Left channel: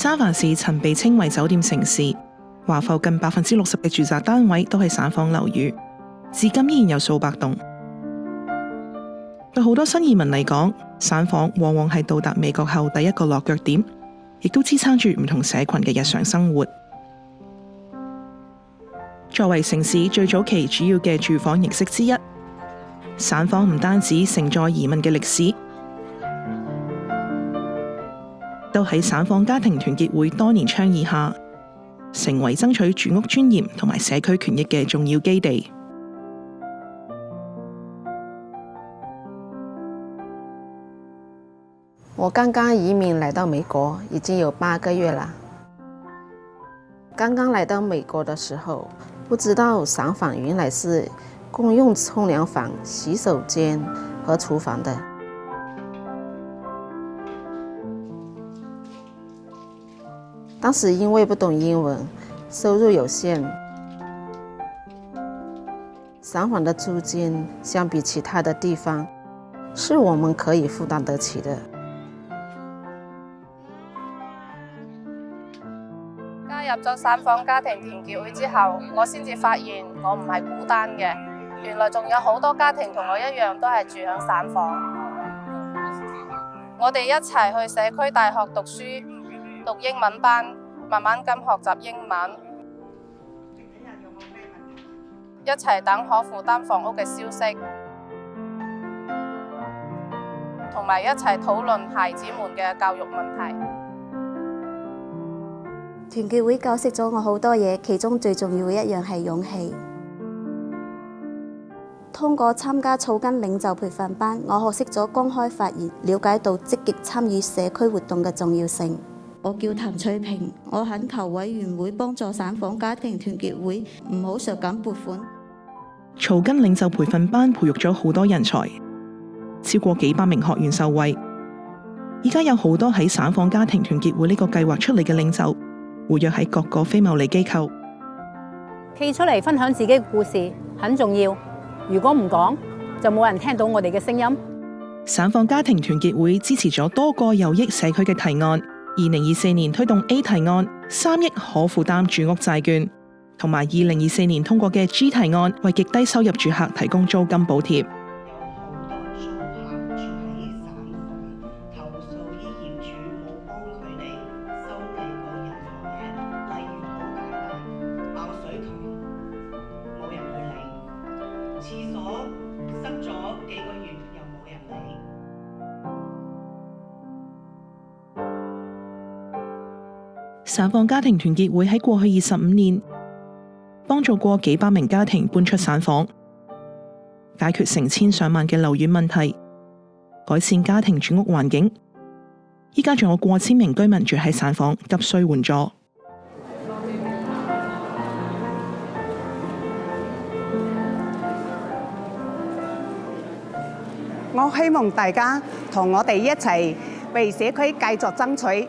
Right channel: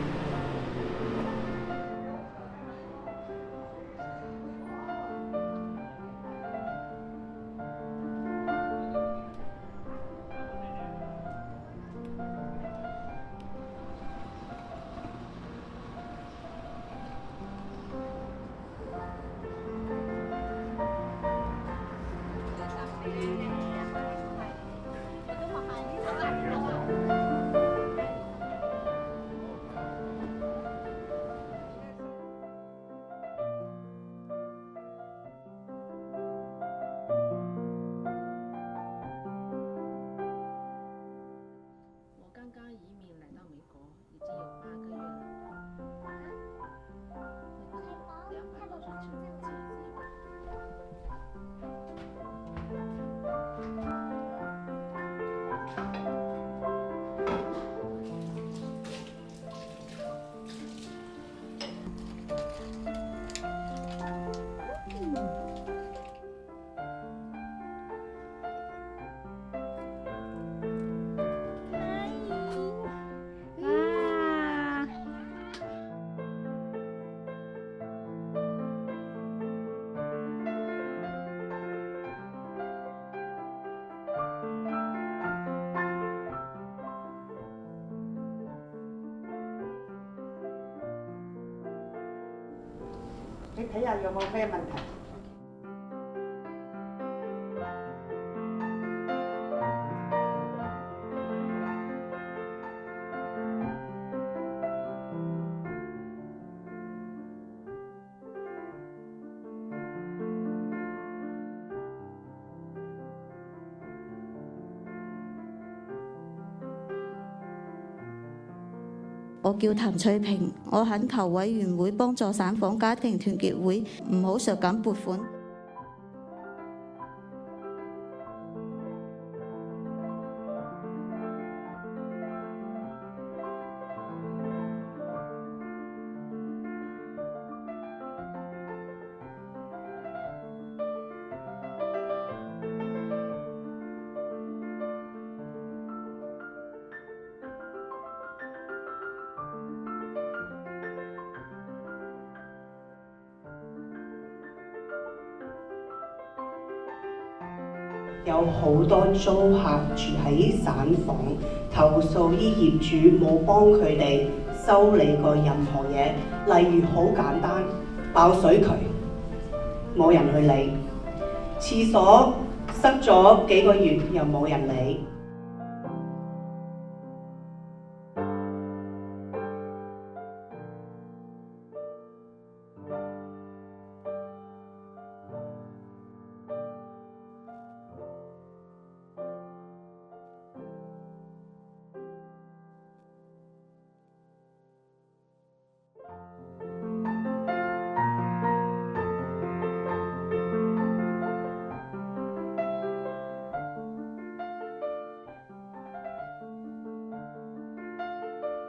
三藩市曾被稱為酒店城市，華埠近60%嘅住宅單位都係散房樓宇，至今依然有數百棟。對好多新移民嚟講，散房往往係到達美國後第一個落腳點，亦都支撐住唔同社群嘅日常生活。作為城市最早期主要嘅住房形式之一，散房唔單止承載移民嘅歷史，都喺散房家庭團結會多年倡議下，成為爭取住屋尊嚴同埋社區權益嘅重要基地。我剛剛移民來到美國，已經有8個月了。剛剛來到美國的時候，不知道散房原來是共用沖涼房、洗手間和廚房的。當時因為不懂英文，收入有限，散房的租金相比其他的地方，是我們可以負擔得起的。加入咗散房家庭團結會之後，我先至發現我唔係孤單嘅，原來仲有好多家庭同我一樣都係住響散房。我哋一齊去社區大學讀書，讀英文班，慢慢咁學習英文。你睇下有冇咩問題？一齊等可負擔房屋嘅消息，同埋一齊討論孩子們嘅教育問題。團結會教識咗我好多嘢，其中最重要嘅一樣係勇氣。通過參加草根領袖培訓班，我學識咗公開發言，了解到積極參與社區活動嘅重要性。我叫譚翠萍，我懇求委員會幫助散房家庭團結會唔好削減撥款。草根領袖培訓班培育咗好多人才，超過幾百名學員受惠。依家有好多喺散房家庭團結會呢個計劃出嚟嘅領袖，活躍喺各個非牟利機構，企出嚟分享自己嘅故事很重要。如果唔講，就冇人聽到我哋嘅聲音。散房家庭團結會支持咗多個有益社區嘅提案。2024年推動 A 提案3億可負擔住屋債券，同埋2024年通過嘅 G 提案，為極低收入住客提供租金補貼。有好多租客住喺散房，投訴啲業主冇幫佢哋修理過任何嘢，例如好簡單爆水渠，冇人去理；廁所塞咗幾個月又冇人理。散房家庭團結會喺過去25年幫助過幾百名家庭搬出散房，解決成千上萬嘅樓宇問題，改善家庭住屋環境。依家仲有過千名居民住喺散房，急需援助。我希望大家同我哋一齊為社區繼續爭取。